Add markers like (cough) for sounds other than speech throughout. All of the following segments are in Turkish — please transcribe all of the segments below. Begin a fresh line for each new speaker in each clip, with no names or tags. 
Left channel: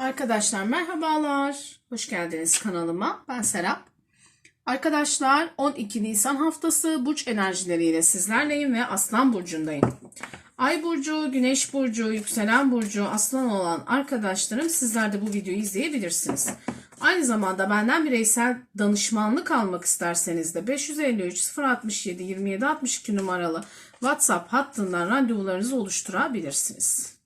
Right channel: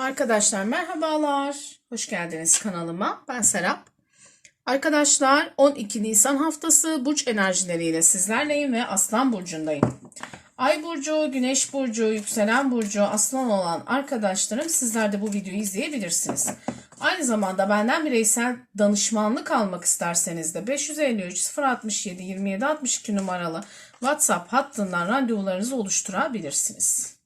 Arkadaşlar merhabalar. Hoş geldiniz kanalıma. Ben Serap. Arkadaşlar 12 Nisan haftası burç enerjileriyle sizlerleyim ve Aslan burcundayım. Ay burcu, Güneş burcu, yükselen burcu, Aslan olan arkadaşlarım sizler de bu videoyu izleyebilirsiniz. Aynı zamanda benden bireysel danışmanlık almak isterseniz de 553 067 27 62 numaralı WhatsApp hattından randevularınızı oluşturabilirsiniz.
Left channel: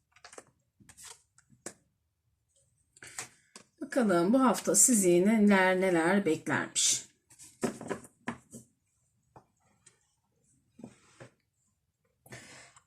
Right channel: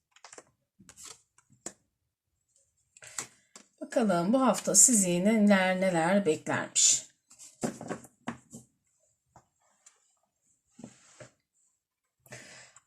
Bakalım bu hafta sizi neler neler beklermiş.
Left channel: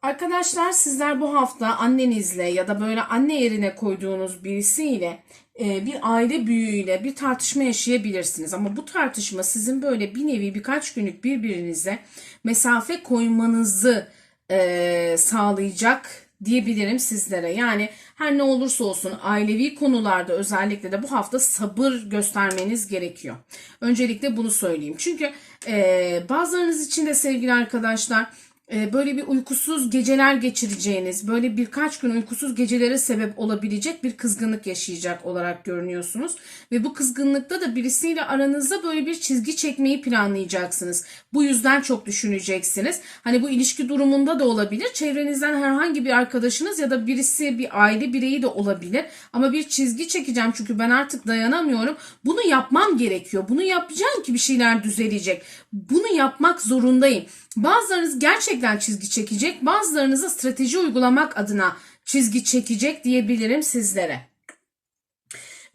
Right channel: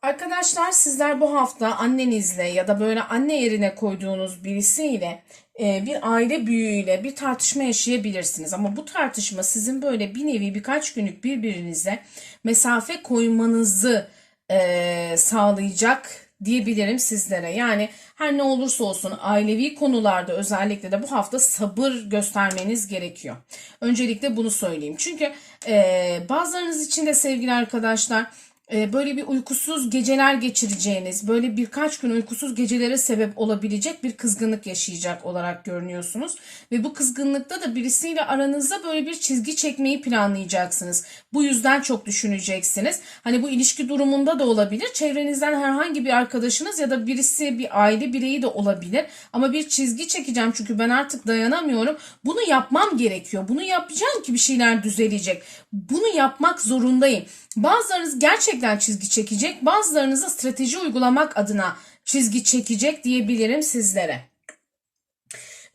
Arkadaşlar sizler bu hafta annenizle ya da böyle anne yerine koyduğunuz birisiyle e, bir aile büyüğüyle bir tartışma yaşayabilirsiniz. Ama bu tartışma sizin böyle bir nevi birkaç günlük birbirinize mesafe koymanızı e, sağlayacak diyebilirim sizlere. Yani her ne olursa olsun ailevi konularda özellikle de bu hafta sabır göstermeniz gerekiyor. Öncelikle bunu söyleyeyim. Çünkü e, bazılarınız için de sevgili arkadaşlar böyle bir uykusuz geceler geçireceğiniz, böyle birkaç gün uykusuz gecelere sebep olabilecek bir kızgınlık yaşayacak olarak görünüyorsunuz. Ve bu kızgınlıkta da birisiyle aranızda böyle bir çizgi çekmeyi planlayacaksınız. Bu yüzden çok düşüneceksiniz. Hani bu ilişki durumunda da olabilir. Çevrenizden herhangi bir arkadaşınız ya da birisi bir aile bireyi de olabilir. Ama bir çizgi çekeceğim çünkü ben artık dayanamıyorum. Bunu yapmam gerekiyor. Bunu yapacağım ki bir şeyler düzelecek. Bunu yapmak zorundayım. Bazılarınız gerçekten çizgi çekecek, bazılarınız da strateji uygulamak adına çizgi çekecek diyebilirim sizlere.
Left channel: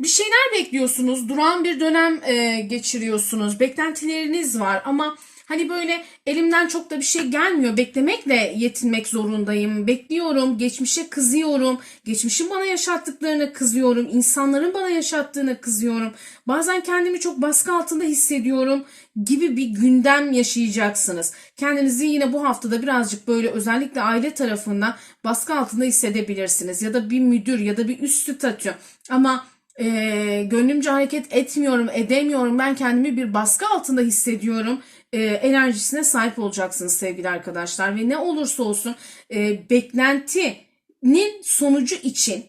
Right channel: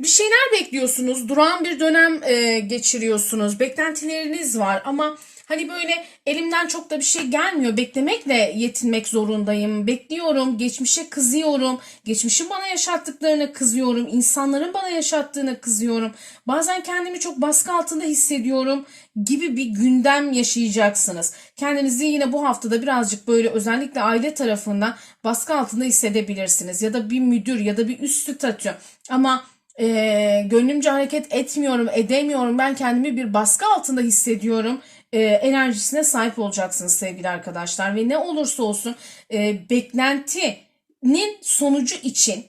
Bir şeyler bekliyorsunuz, duran bir dönem e, geçiriyorsunuz, beklentileriniz var ama hani böyle elimden çok da bir şey gelmiyor, beklemekle yetinmek zorundayım, bekliyorum, geçmişe kızıyorum, geçmişin bana yaşattıklarına kızıyorum, insanların bana yaşattığına kızıyorum, bazen kendimi çok baskı altında hissediyorum gibi bir gündem yaşayacaksınız. Kendinizi yine bu haftada birazcık böyle özellikle aile tarafından baskı altında hissedebilirsiniz. Ya da bir müdür ya da bir üst statü. Ama e, gönlümce hareket etmiyorum, edemiyorum. Ben kendimi bir baskı altında hissediyorum. E, enerjisine sahip olacaksınız sevgili arkadaşlar. Ve ne olursa olsun e, beklentinin sonucu için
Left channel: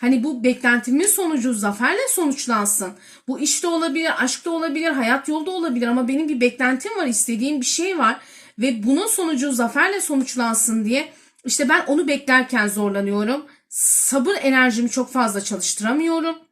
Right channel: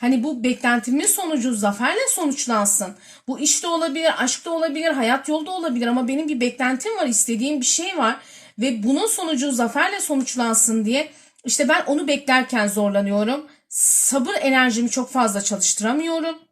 Hani bu beklentimin sonucu zaferle sonuçlansın. Bu işte olabilir, aşkta olabilir, hayat yolda olabilir ama benim bir beklentim var, istediğim bir şey var ve bunun sonucu zaferle sonuçlansın diye işte ben onu beklerken zorlanıyorum. Sabır enerjimi çok fazla çalıştıramıyorum.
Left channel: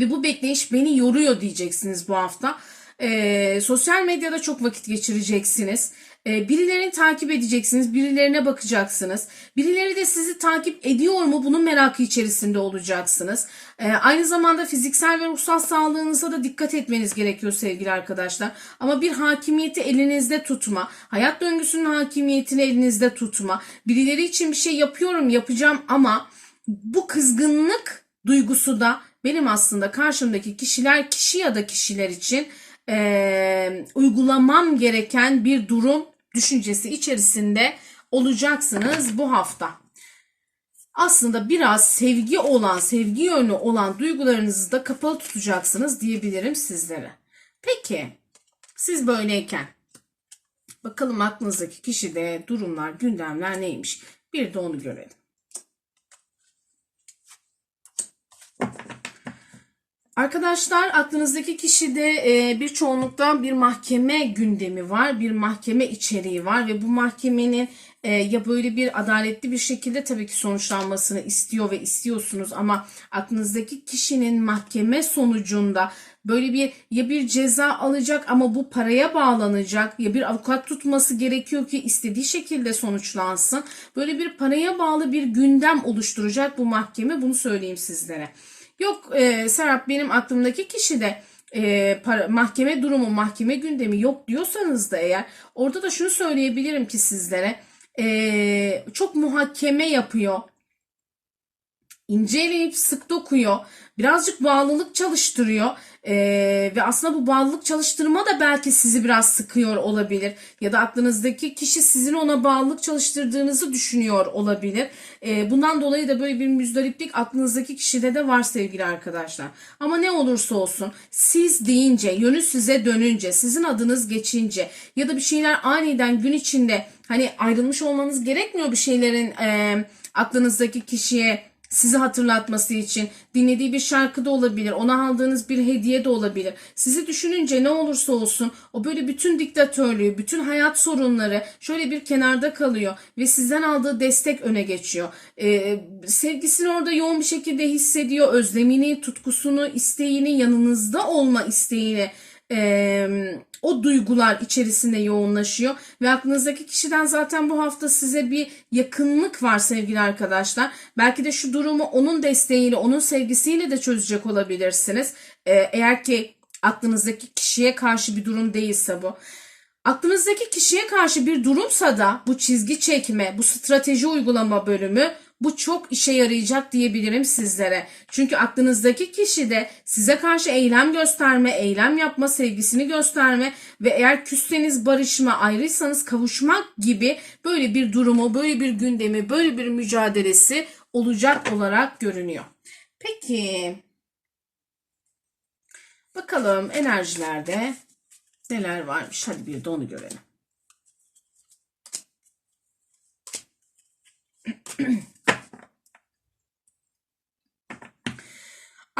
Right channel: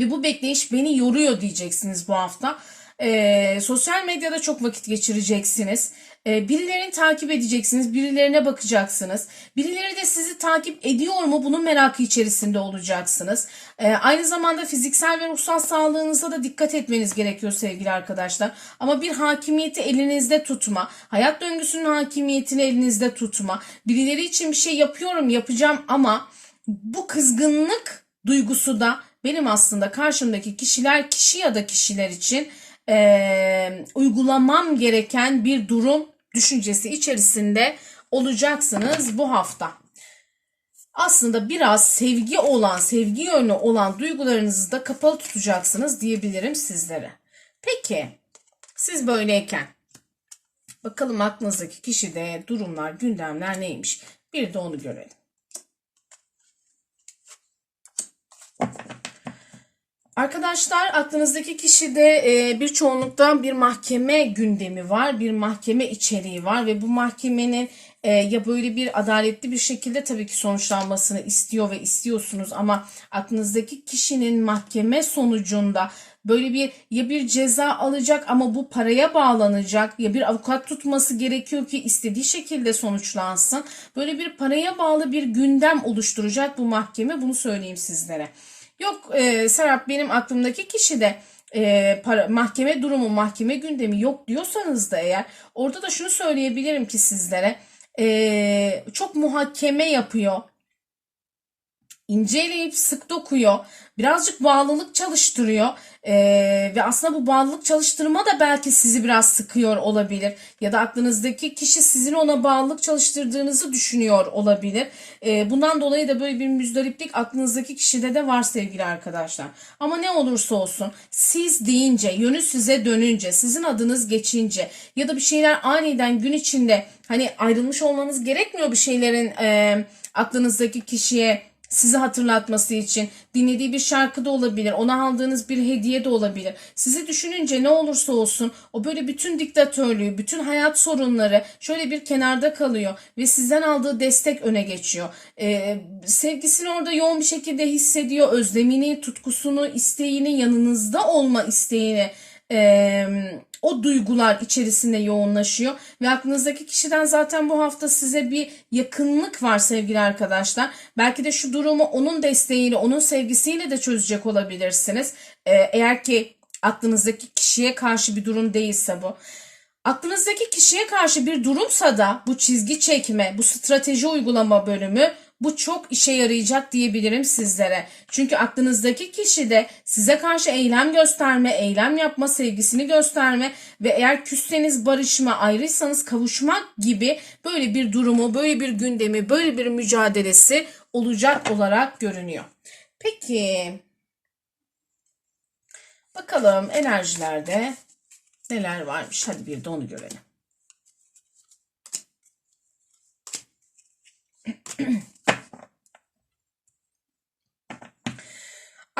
Ve bu bekleyiş beni yoruyor diyeceksiniz bu hafta. Ee, sosyal medyada çok vakit geçireceksiniz. Ee, birilerini takip edeceksiniz. Birilerine bakacaksınız. Birileri de sizi takip ediyor mu bunun merakı içerisinde olacaksınız. Ee, aynı zamanda fiziksel ve ruhsal sağlığınıza da dikkat etmeniz gerekiyor sevgili arkadaşlar. Ama bir hakimiyeti elinizde tutma. Hayat döngüsünün hakimiyetini elinizde tutma. Birileri için bir şey yapıyorum yapacağım ama bu kızgınlık duygusu da benim aslında karşımdaki kişiler kişi ya da kişiler için e, uygulamam gereken bir durum düşüncesi içerisinde olacaksınız bu hafta. Aslında biraz sevgi olan, sevgi yönlü olan duygularınızı da kapalı tutacaksınız diyebilirim sizlere. Peki siz böyleyken bakalım aklınızdaki kişide durumlar, gündemler neymiş? Bir de onu görelim. Arkadaşlar aklınızdaki kişide e, bir çoğunlukta bir mahkeme gündemi var, bir mahkeme içeriği var ve bu mahkemenin e, ya böyle bir adaletli bir şekilde tabii ki sonuçlanmasını istiyor ve istiyorsunuz ama aklınızdaki kişinin mahkeme sonucunda böyle bir ya bir ceza alacak ama bu paraya bağlanacak ya bir avukat tutması gerekiyor ki istediği şekilde sonuçlansın. Böyle bir paraya bağlı bir gündem oluşturacak bu mahkeme bunu söyleyeyim sizlere. Yok e, Serap benim aklımdaki kişi de e, para, mahkeme durumu, mahkeme gündemi yok diyorsanız da eğer orada da şunu söyleyebilirim ki sizlere e, çok muhakeme yapıyor. İnceleyip sık dokuyor. Birazcık bağlılık çalıştırıyor. Ee, ve aslında bu bağlılık çalıştırma da belki sizi biraz sıkıyor olabilir. Ya da aklınızdaki kişi sizin ona bağlılık çalıştırdığınızı düşünüyor olabilir. Ee, bundan dolayı da böyle bir müzdariplik aklınızdaki kişide de var sevgili arkadaşlar. Ama ne olursa olsun siz deyince, yönü size dönünce, sizin adınız geçince ya da bir şeyler aniden gün içinde hani ayrılmış olmanız gerekmiyor bir şeylerin e, aklınızdaki kişiye sizi hatırlatması için dinlediği bir şarkı da olabilir. Ona aldığınız bir hediye de olabilir. Sizi düşününce ne olursa olsun o böyle bütün diktatörlüğü, bütün hayat sorunları şöyle bir kenarda kalıyor ve sizden aldığı destek öne geçiyor. Ee, sevgisini orada yoğun bir şekilde hissediyor. Özlemini, tutkusunu, isteğini, yanınızda olma isteğini e, o duygular içerisinde yoğunlaşıyor ve aklınızdaki kişiden zaten bu hafta size bir yakınlık var sevgili arkadaşlar. Belki de şu durumu onun desteğiyle, onun sevgisiyle de çözecek olabilirsiniz. E, eğer ki aklınızdaki kişiye karşı bir durum değilse bu. Aklınızdaki kişiye karşı bir durumsa da bu çizgi çekme, bu strateji uygulama bölümü bu çok işe yarayacak diyebilirim sizlere. Çünkü aklınızdaki kişi de size karşı eylem gösterme, eylem yapma, sevgisini gösterme ve eğer küsseniz barışma, ayrıysanız kavuşmak gibi böyle bir durumu, böyle bir gündemi, böyle bir mücadelesi olacak olarak görünüyor. Peki bakalım enerjilerde neler varmış? Hadi bir de onu görelim. (clears throat)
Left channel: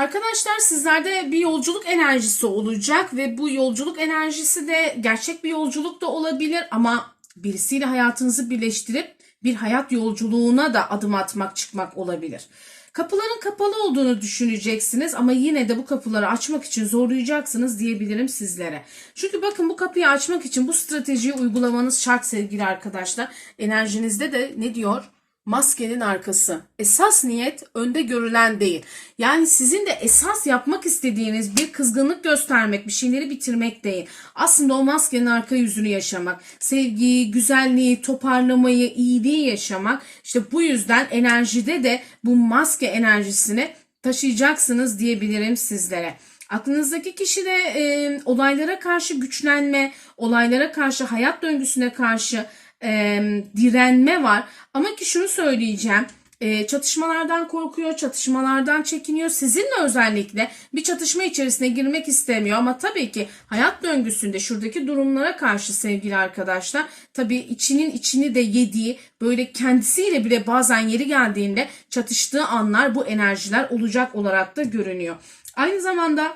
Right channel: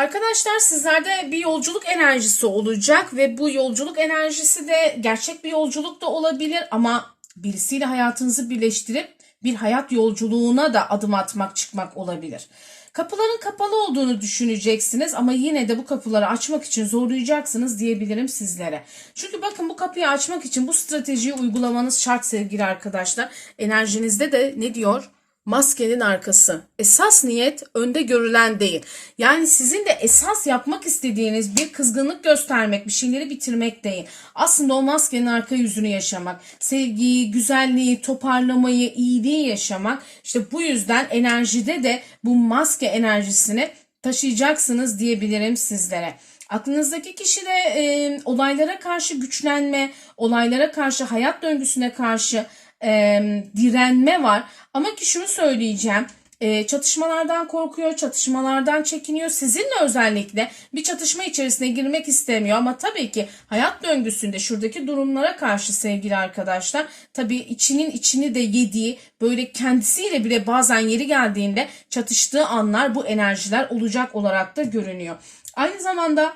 Arkadaşlar sizlerde bir yolculuk enerjisi olacak ve bu yolculuk enerjisi de gerçek bir yolculuk da olabilir ama birisiyle hayatınızı birleştirip bir hayat yolculuğuna da adım atmak çıkmak olabilir. Kapıların kapalı olduğunu düşüneceksiniz ama yine de bu kapıları açmak için zorlayacaksınız diyebilirim sizlere. Çünkü bakın bu kapıyı açmak için bu stratejiyi uygulamanız şart sevgili arkadaşlar. Enerjinizde de ne diyor? Maskenin arkası. Esas niyet önde görülen değil. Yani sizin de esas yapmak istediğiniz bir kızgınlık göstermek, bir şeyleri bitirmek değil. Aslında o maskenin arka yüzünü yaşamak, sevgiyi, güzelliği, toparlamayı, iyiliği yaşamak. İşte bu yüzden enerjide de bu maske enerjisini taşıyacaksınız diyebilirim sizlere. Aklınızdaki kişi de e, olaylara karşı güçlenme, olaylara karşı, hayat döngüsüne karşı e, direnme var. Ama ki şunu söyleyeceğim. E, çatışmalardan korkuyor, çatışmalardan çekiniyor. Sizinle özellikle bir çatışma içerisine girmek istemiyor. Ama tabii ki hayat döngüsünde şuradaki durumlara karşı sevgili arkadaşlar tabii içinin içini de yediği böyle kendisiyle bile bazen yeri geldiğinde çatıştığı anlar bu enerjiler olacak olarak da görünüyor. Aynı zamanda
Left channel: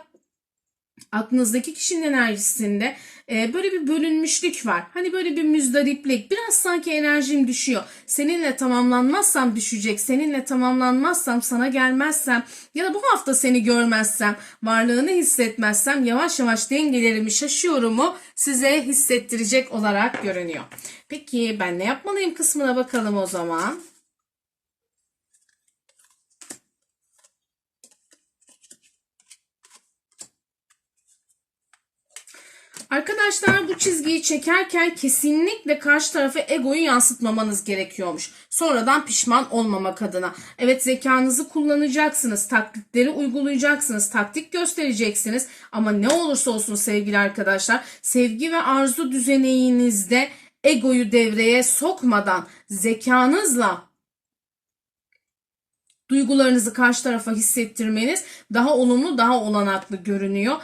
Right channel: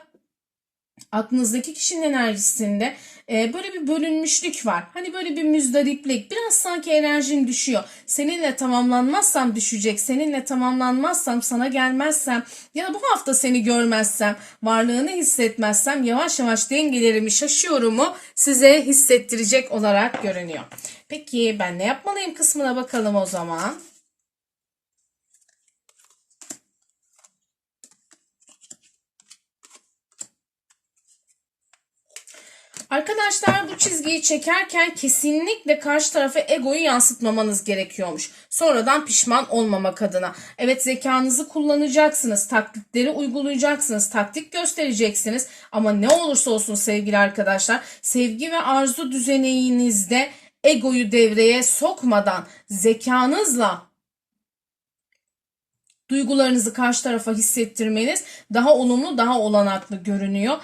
aklınızdaki kişinin enerjisinde e, böyle bir bölünmüşlük var. Hani böyle bir müzdariplik. Biraz sanki enerjim düşüyor. Seninle tamamlanmazsam düşecek. Seninle tamamlanmazsam sana gelmezsem ya da bu hafta seni görmezsem varlığını hissetmezsem yavaş yavaş dengelerimi şaşıyorumu size hissettirecek olarak görünüyor. Peki ben ne yapmalıyım kısmına bakalım o zaman. Arkadaşlar bu çizgiyi çekerken kesinlikle karşı tarafa egoyu yansıtmamanız gerekiyormuş. Sonradan pişman olmamak adına. Evet zekanızı kullanacaksınız, taklitleri uygulayacaksınız, taktik göstereceksiniz. Ama ne olursa olsun sevgili arkadaşlar sevgi ve arzu düzeneyinizde egoyu devreye sokmadan zekanızla duygularınızı karşı tarafa hissettirmeniz daha olumlu, daha olanaklı görünüyor.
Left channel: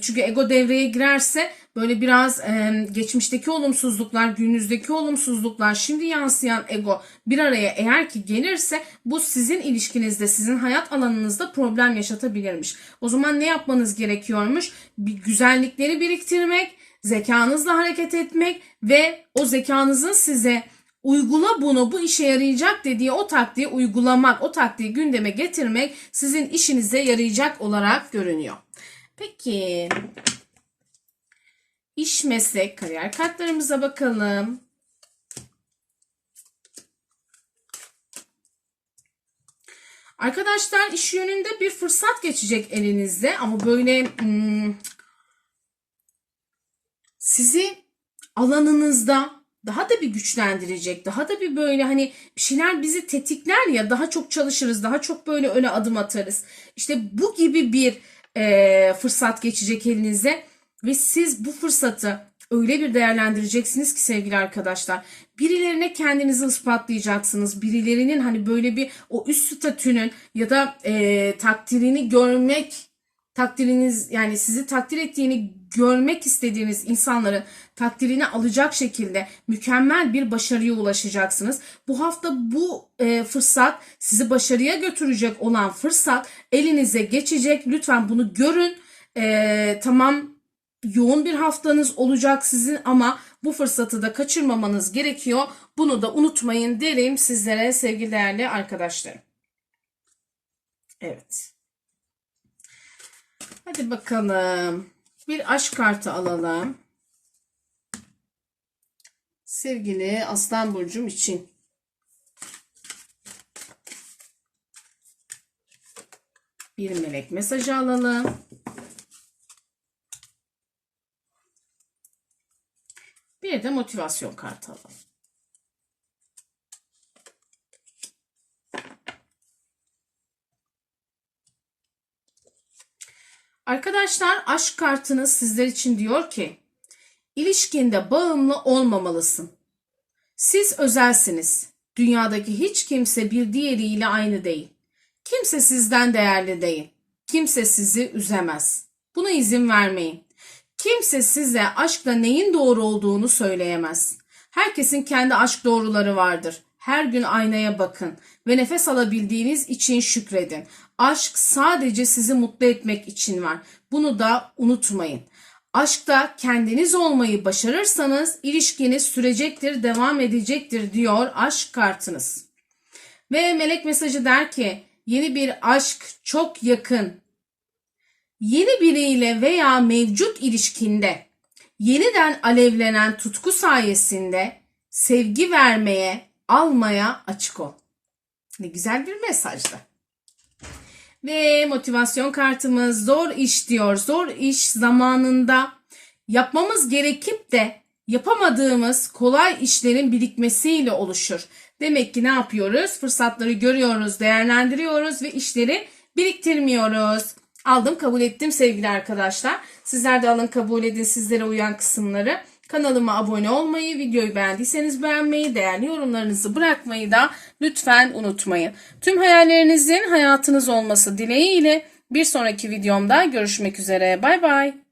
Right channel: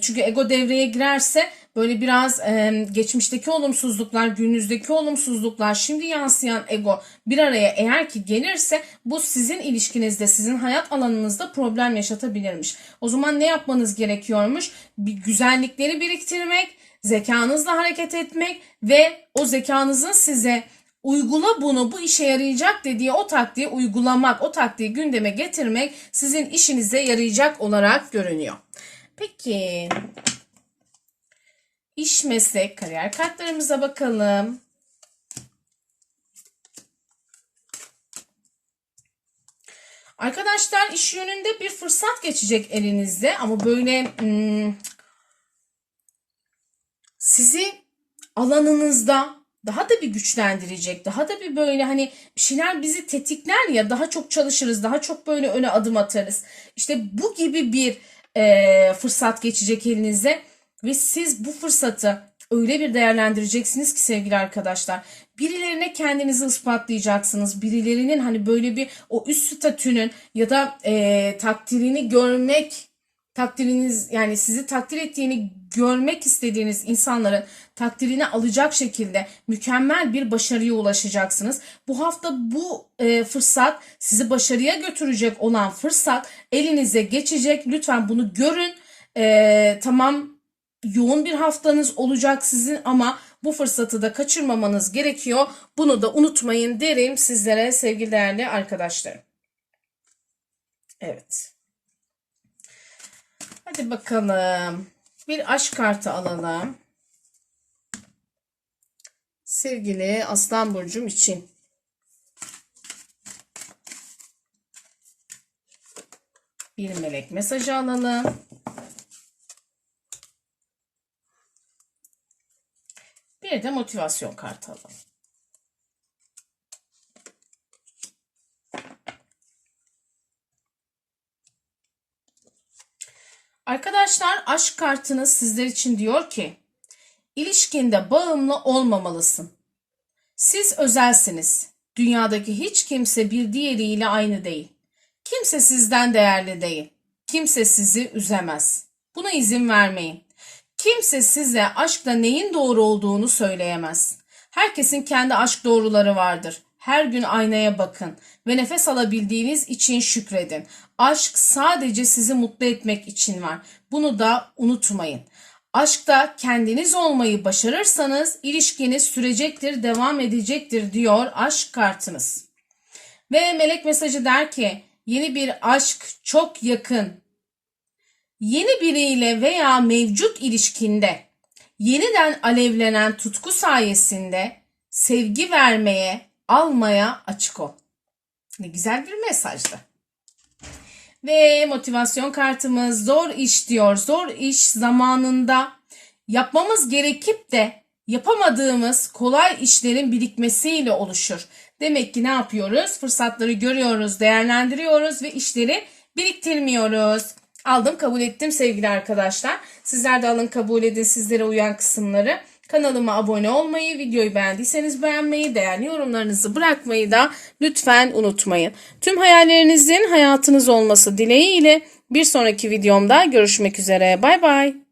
Çünkü ego devreye girerse böyle biraz geçmişteki olumsuzluklar, gününüzdeki olumsuzluklar, şimdi yansıyan ego bir araya eğer ki gelirse bu sizin ilişkinizde, sizin hayat alanınızda problem yaşatabilirmiş. O zaman ne yapmanız gerekiyormuş? Bir güzellikleri biriktirmek, zekanızla hareket etmek ve o zekanızın size uygula bunu bu işe yarayacak dediği o taktiği uygulamak, o taktiği gündeme getirmek sizin işinize yarayacak olarak görünüyor. Peki iş meslek kariyer kartlarımıza bakalım. Arkadaşlar iş yönünde bir fırsat geçecek elinizde ama böyle hmm, sizi alanınızda daha da bir güçlendirecek. Daha da bir böyle hani bir şeyler bizi tetikler ya daha çok çalışırız. Daha çok böyle öne adım atarız. İşte bu gibi bir e, fırsat geçecek elinize ve siz bu fırsatı öyle bir değerlendireceksiniz ki sevgili arkadaşlar. Birilerine kendinizi ispatlayacaksınız. Birilerinin hani böyle bir o üst statünün ya da e, takdirini görmek takdiriniz yani sizi takdir ettiğini görmek istediğiniz insanların takdirini alacak şekilde mükemmel bir başarıya ulaşacaksınız. Bu hafta bu e, fırsat sizi başarıya götürecek olan fırsat elinize geçecek. Lütfen bunu görün. E, tamam yoğun bir haftanız olacak sizin ama bu fırsatı da kaçırmamanız gerekiyor. Bunu da unutmayın derim sizlere sevgili değerli arkadaşlarım. Evet. Hadi bakalım. Bir aşk kartı alalım. Sevgili Aslan Burcum için. Bir melek mesajı alalım. Bir de motivasyon kartı alalım. Arkadaşlar aşk kartınız sizler için diyor ki ilişkinde bağımlı olmamalısın. Siz özelsiniz. Dünyadaki hiç kimse bir diğeriyle aynı değil. Kimse sizden değerli değil. Kimse sizi üzemez. Buna izin vermeyin. Kimse size aşkla neyin doğru olduğunu söyleyemez. Herkesin kendi aşk doğruları vardır. Her gün aynaya bakın ve nefes alabildiğiniz için şükredin. Aşk sadece sizi mutlu etmek için var. Bunu da unutmayın. Aşkta kendiniz olmayı başarırsanız ilişkiniz sürecektir, devam edecektir diyor aşk kartınız. Ve melek mesajı der ki yeni bir aşk çok yakın. Yeni biriyle veya mevcut ilişkinde yeniden alevlenen tutku sayesinde sevgi vermeye, almaya açık ol. Ne güzel bir mesajdı. Ve motivasyon kartımız zor iş diyor. Zor iş zamanında yapmamız gerekip de yapamadığımız kolay işlerin birikmesiyle oluşur. Demek ki ne yapıyoruz? Fırsatları görüyoruz, değerlendiriyoruz ve işleri biriktirmiyoruz. Aldım kabul ettim sevgili arkadaşlar. Sizler de alın kabul edin sizlere uyan kısımları. Kanalıma abone olmayı, videoyu beğendiyseniz beğenmeyi, değerli yorumlarınızı bırakmayı da lütfen unutmayın. Tüm hayallerinizin hayatınız olması dileğiyle bir sonraki videomda görüşmek üzere. Bay bay.